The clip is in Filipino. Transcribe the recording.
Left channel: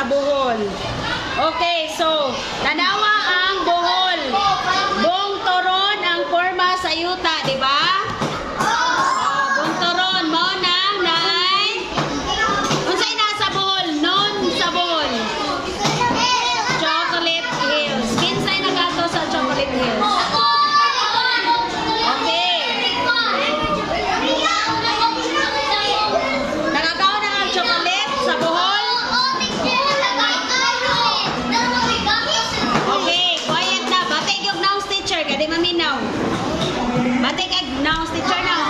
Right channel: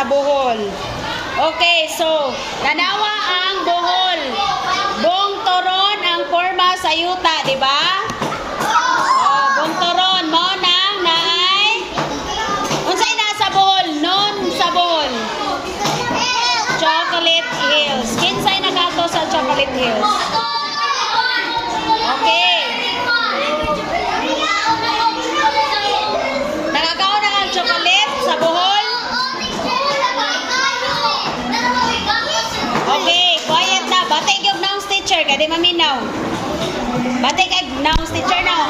sa Bohol. Okay, so, tanawa ang Bohol. Buong turon ang forma sa yuta, di ba? Buong turon mo nang naay. Unsay nasa Bohol? Non sa Bohol. Chocolate Hills. Kinsay nagato sa Chocolate Hills? Okay. Nagagaw na ang chocolate sa Bohol? Okay, quiet na. Batik yung noun teacher. Kaya di maminaw. Batik yung noun teacher now.